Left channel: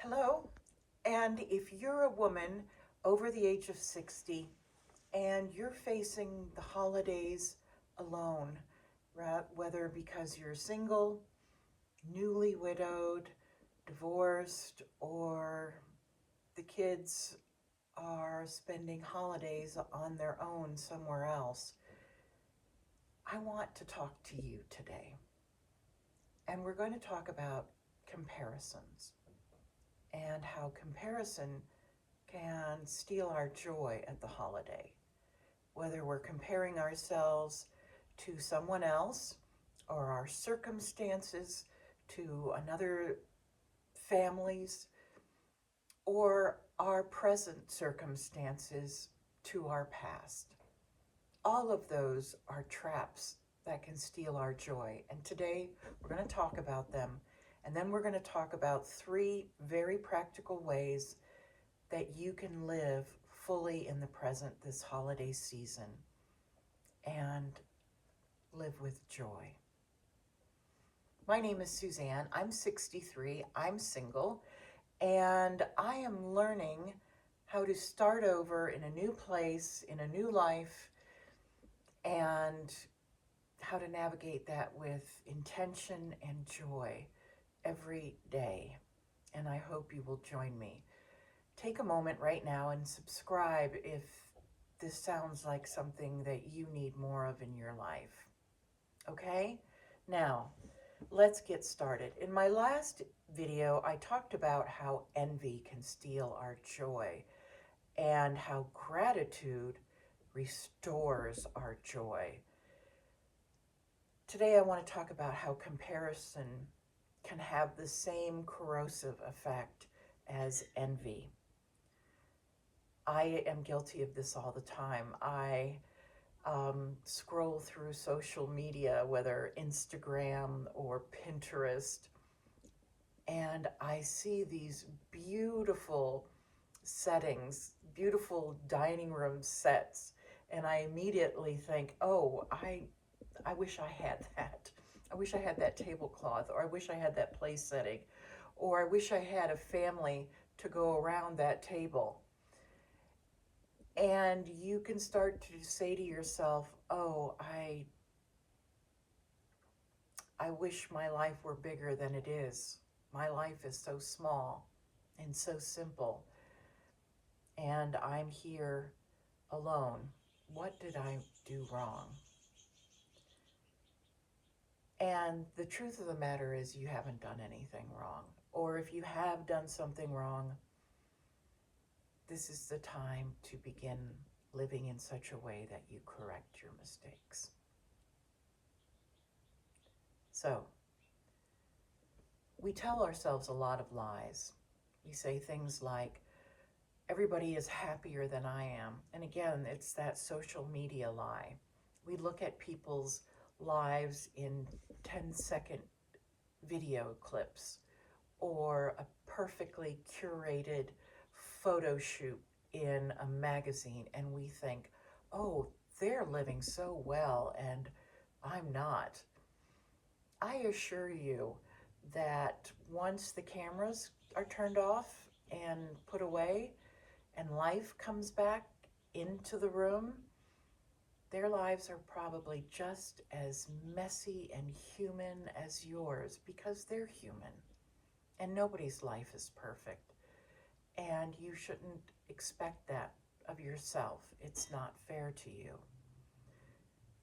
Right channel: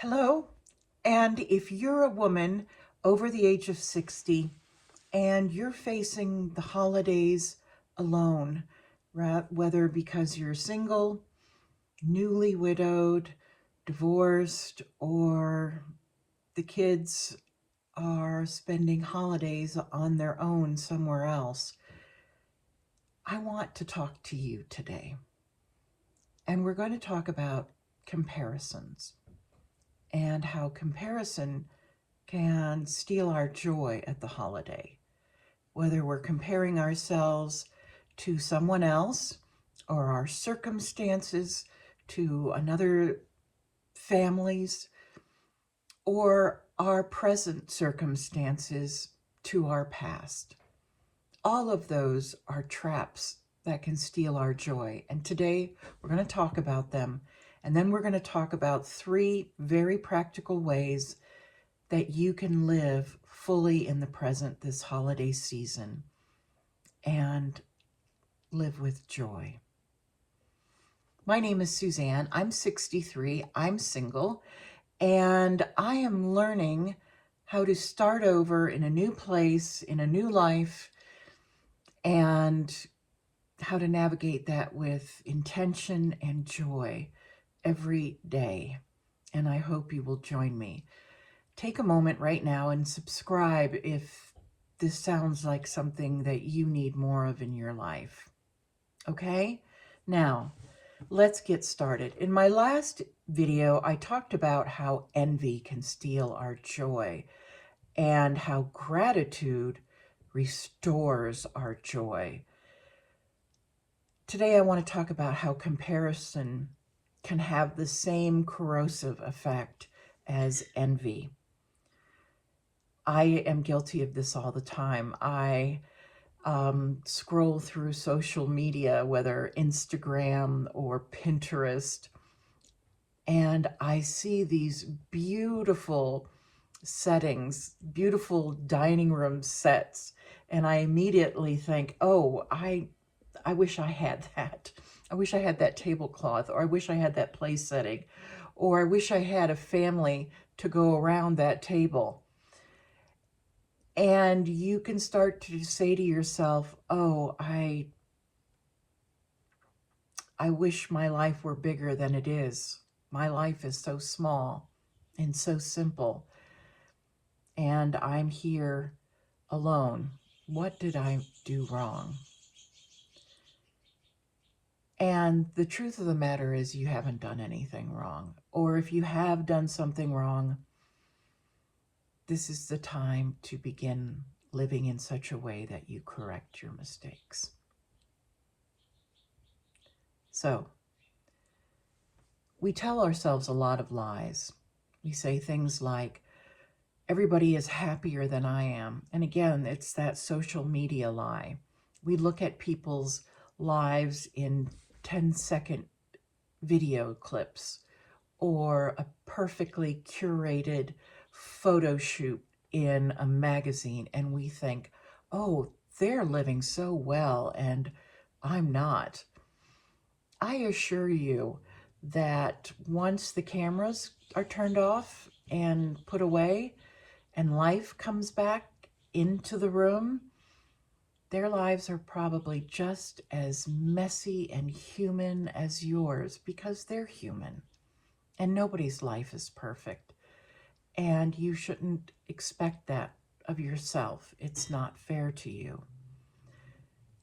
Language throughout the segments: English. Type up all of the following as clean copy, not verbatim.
Hello. And if you're a woman over the age of 60 and you're facing the holidays alone, whether because you're single, newly widowed, divorced, or the kids are spending holidays on their own somewhere else, I want to talk to you today. And we're going to talk about comparisons and how comparison can steal our joy at the holiday, whether we're comparing ourselves to someone else or our circumstances to another family's or our present circumstances to our past. All of those are traps that can steal our joy. And today we're going to talk about them. And then we're going to talk about 3 very practical ways that you can live fully in the present this holiday season and live with joy. My name is Suzanne. I'm 63. I'm single, and I am learning how to start over in a new place, in a new life, and how to navigate that with intention and joy every day. And I hope you will join me. Take a moment right now and subscribe if this sounds like something that you need more of in your life. Okay? Now, let's get started. In my last video, I talked about how envy can steal our joy and how gratitude restores our joy. Today, I want to talk about how comparison can have the same corrosive effect as envy. I am guilty of this all the time. I scroll through social media, whether Instagram or Pinterest, and I see these beautiful settings, beautiful dining room sets, and I immediately think, oh, I wish I had that. I wish I had that tablecloth, or I wish I had that place setting, or I wish I had a family to go around that table. And you can start to say to yourself, oh, I wish my life were bigger than it is. My life is so small and so simple, and I'm here alone. What did I do wrong? And the truth of the matter is you haven't done anything wrong. Or if you have done something wrong, this is the time to begin living in such a way that you correct your mistakes. So, we tell ourselves a lot of lies. We say things like, everybody is happier than I am. And again, it's that social media lie. We look at people's lives in 10-second video clips or a perfectly curated photo shoot in a magazine, and we think, oh, they're living so well and I'm not. I assure you that once the cameras are turned off and put away and life comes back into the room, their lives are probably just as messy and human as yours because they're human. And nobody's life is perfect. And you shouldn't expect that of yourself. It's not fair to you.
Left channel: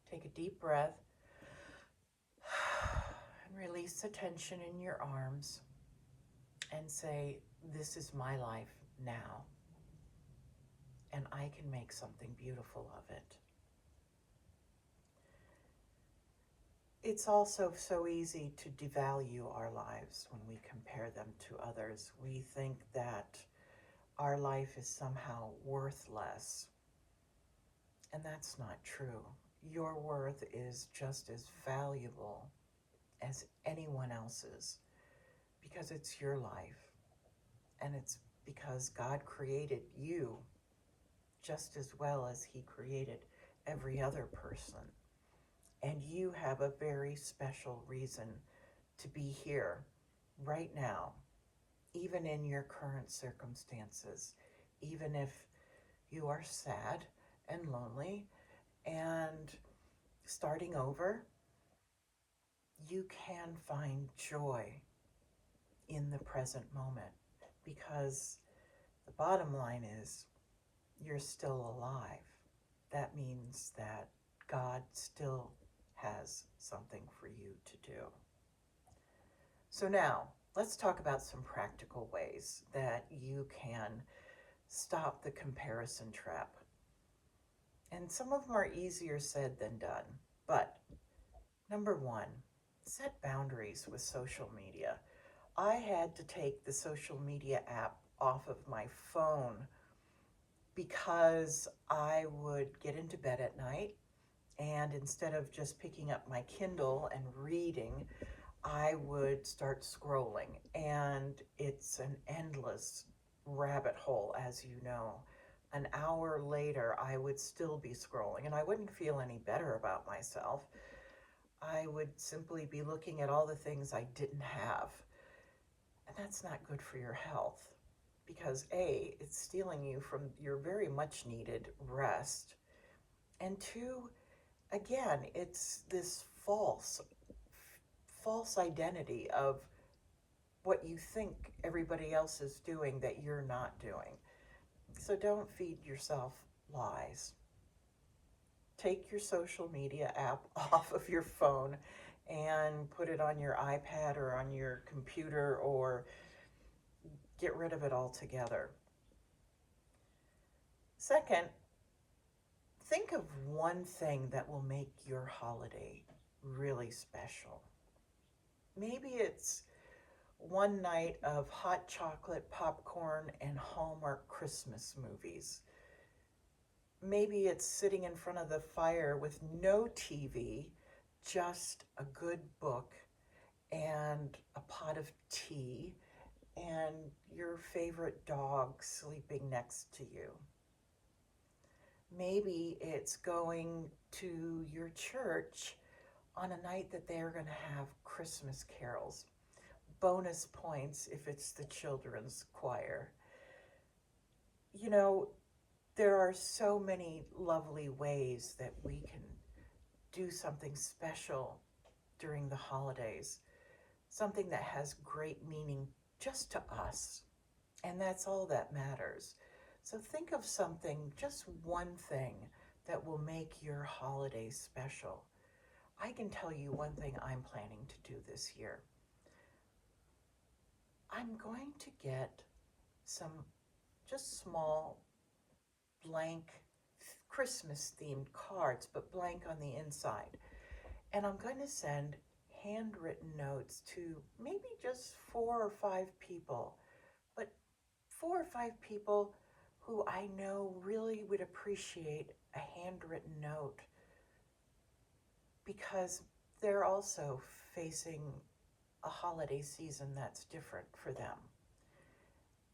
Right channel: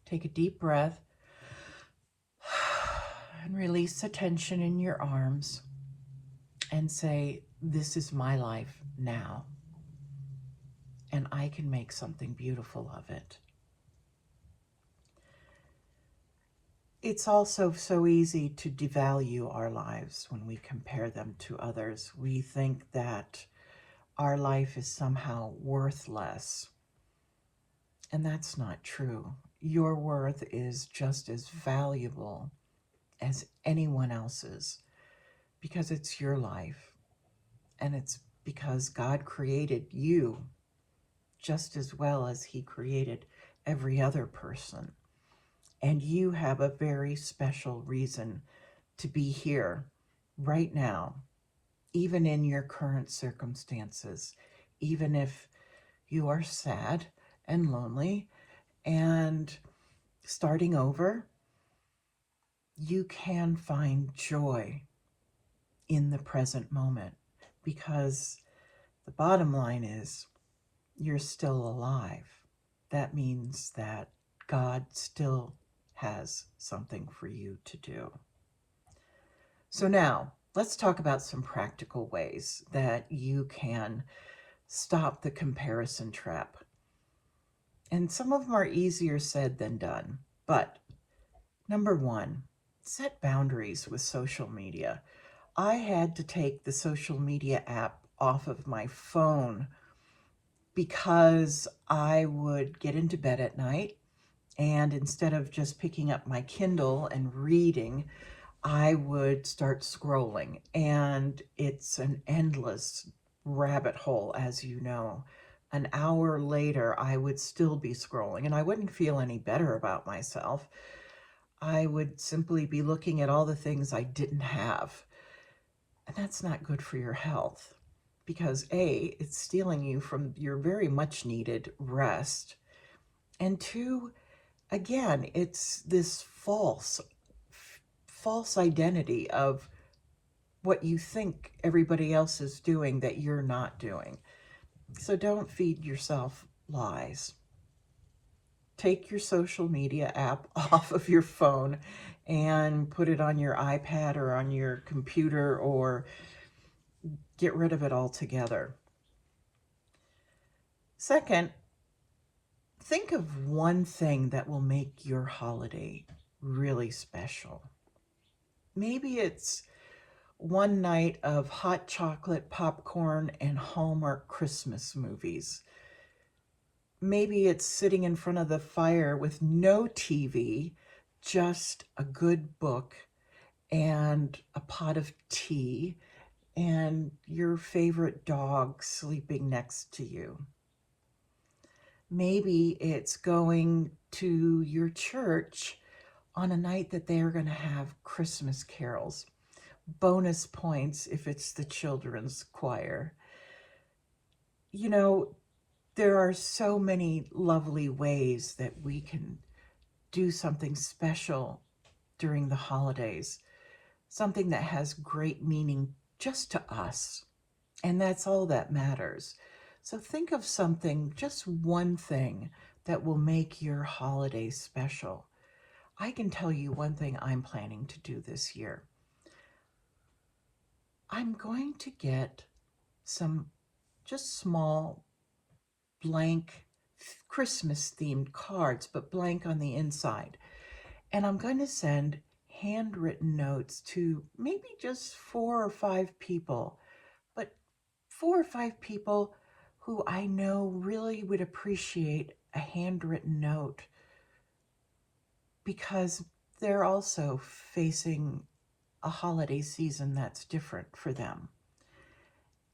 Take a deep breath and release the tension in your arms and say, this is my life now, and I can make something beautiful of it. It's also so easy to devalue our lives when we compare them to others. We think that our life is somehow worth less, and that's not true. Your worth is just as valuable as anyone else's because it's your life, and it's because God created you just as well as He created every other person. And you have a very special reason to be here right now even in your current circumstances, even if you are sad and lonely and starting over, you can find joy in the present moment, because the bottom line is you're still alive. That means that God still has something for you to do. So now let's talk about some practical ways that you can stop the comparison trap. And some of them are easier said than done. But number one, set boundaries with social media. I had to take the social media app off of my phone because I would get into bed at night, and instead of just picking up my Kindle and reading, I would start scrolling, and it's an endless rabbit hole, as you know. An hour later, I would still be scrolling, and I wouldn't feel any better about myself. I would simply be looking at all the things I didn't have. And that's not good for your health, because A, it's stealing you from your very much needed rest. And two, again, it's this false identity of what you think everybody else is doing that you're not doing. So don't feed yourself lies. Take your social media app off of your phone and put it on your iPad or on your computer, or get rid of it altogether. Second, think of one thing that will make your holiday really special. Maybe it's one night of hot chocolate, popcorn, and Hallmark Christmas movies. Maybe it's sitting in front of the fire with no TV, just a good book and a pot of tea and your favorite dog sleeping next to you. Maybe it's going to your church on a night that they are going to have Christmas carols. Bonus points if it's the children's choir. You know, there are so many lovely ways that we can do something special during the holidays, something that has great meaning just to us. And that's all that matters. So think of something, just one thing, that will make your holiday special. I can tell you one thing I'm planning to do this year. I'm going to get some just small blank Christmas themed cards, but blank on the inside. And I'm going to send handwritten notes to maybe just 4 or 5 people, but 4 or 5 people who I know really would appreciate a handwritten note, because they're also facing a holiday season that's different for them.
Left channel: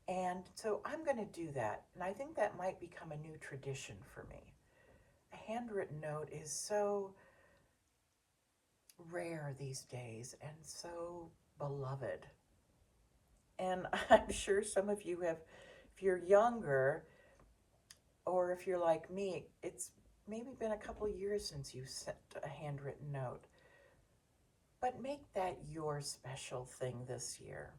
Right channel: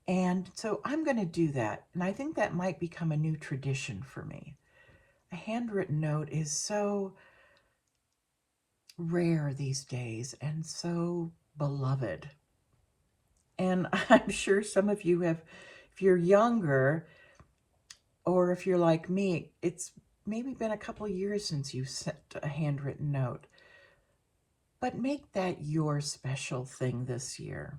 And so I'm going to do that. And I think that might become a new tradition for me. A handwritten note is so rare these days and so beloved. And I'm sure some of you have, if you're younger, or if you're like me, it's maybe been a couple years since you sent a handwritten note. But make that your special thing this year.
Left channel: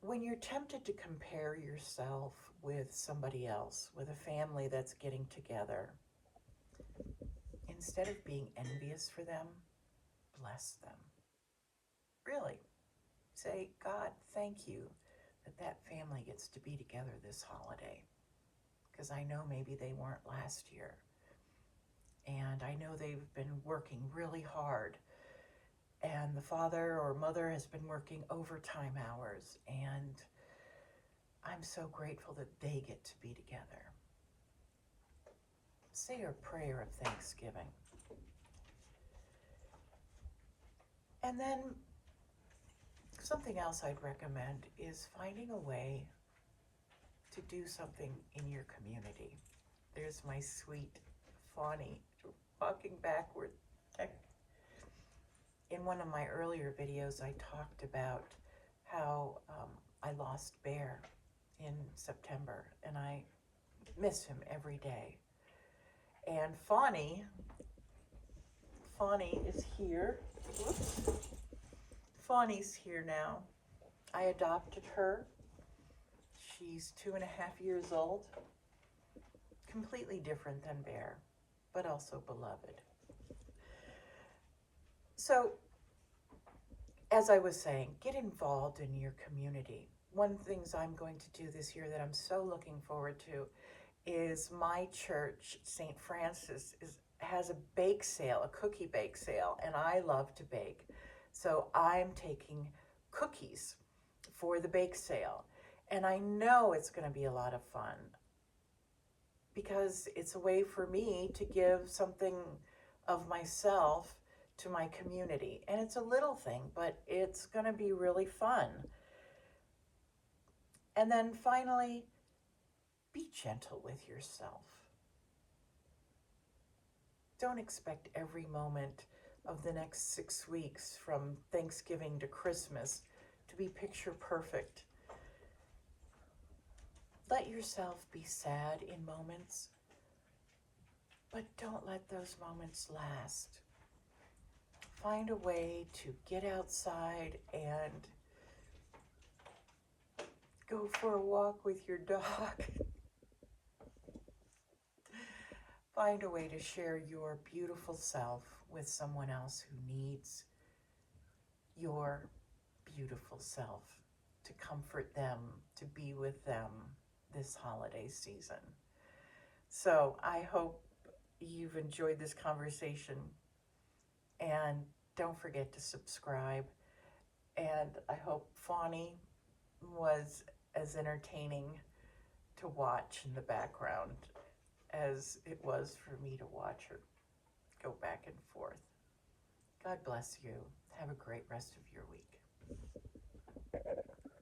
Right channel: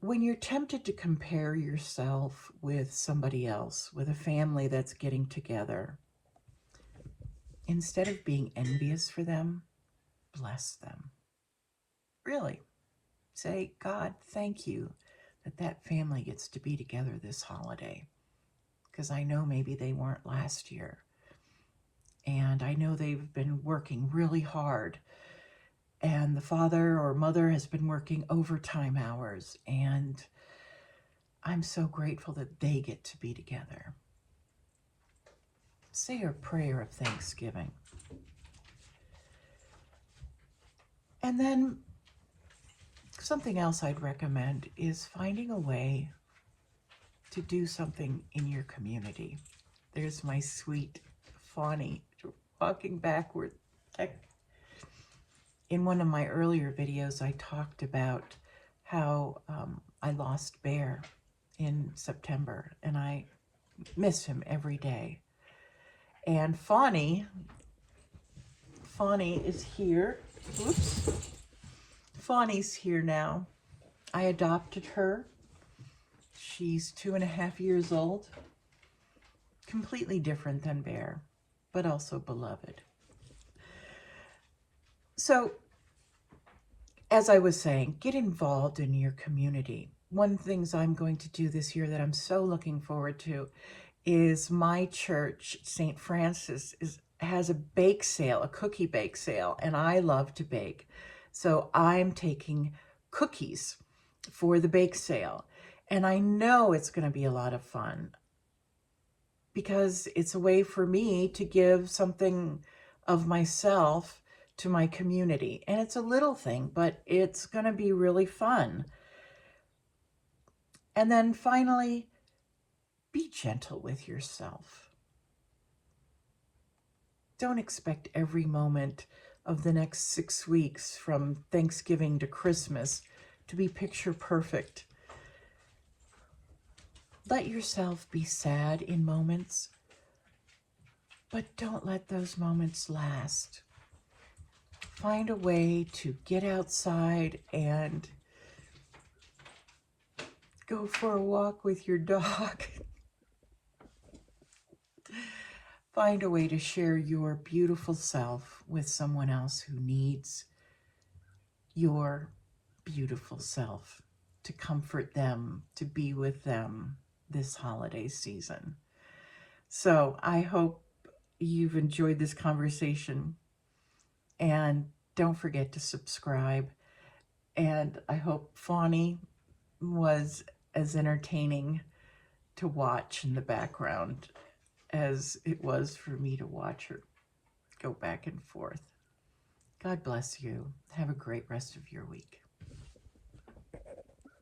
When you're tempted to compare yourself with somebody else, with a family that's getting together, instead of being envious for them, bless them. Really. Say, God, thank you that that family gets to be together this holiday, because I know maybe they weren't last year. And I know they've been working really hard, and the father or mother has been working overtime hours, and I'm so grateful that they get to be together. Say a prayer of thanksgiving. And then something else I'd recommend is finding a way to do something in your community. There's my sweet Fawny walking backward. In one of my earlier videos, I talked about how I lost Bear in September, and I miss him every day. And Fawny is here. Whoops. Fawny's here now. I adopted her. She's 2.5 years old. Completely different than Bear, but also beloved. So, as I was saying, get involved in your community. One of the things I'm going to do this year that I'm so looking forward to is my church, St. Francis, has a bake sale, a cookie bake sale, and I love to bake. So I'm taking cookies for the bake sale, and I know it's going to be a lot of fun because it's a way for me to give something of myself to my community. And it's a little thing, but it's going to be really fun. And then finally, be gentle with yourself. Don't expect every moment of the next 6 weeks from Thanksgiving to Christmas to be picture perfect. Let yourself be sad in moments, but don't let those moments last. Find a way to get outside and go for a walk with your dog. Find a way to share your beautiful self with someone else who needs your beautiful self, to comfort them, to be with them this holiday season. So I hope you've enjoyed this conversation, and don't forget to subscribe. And I hope Fawny was as entertaining to watch in the background as it was for me to watch her go back and forth. God bless you. Have a great rest of your week.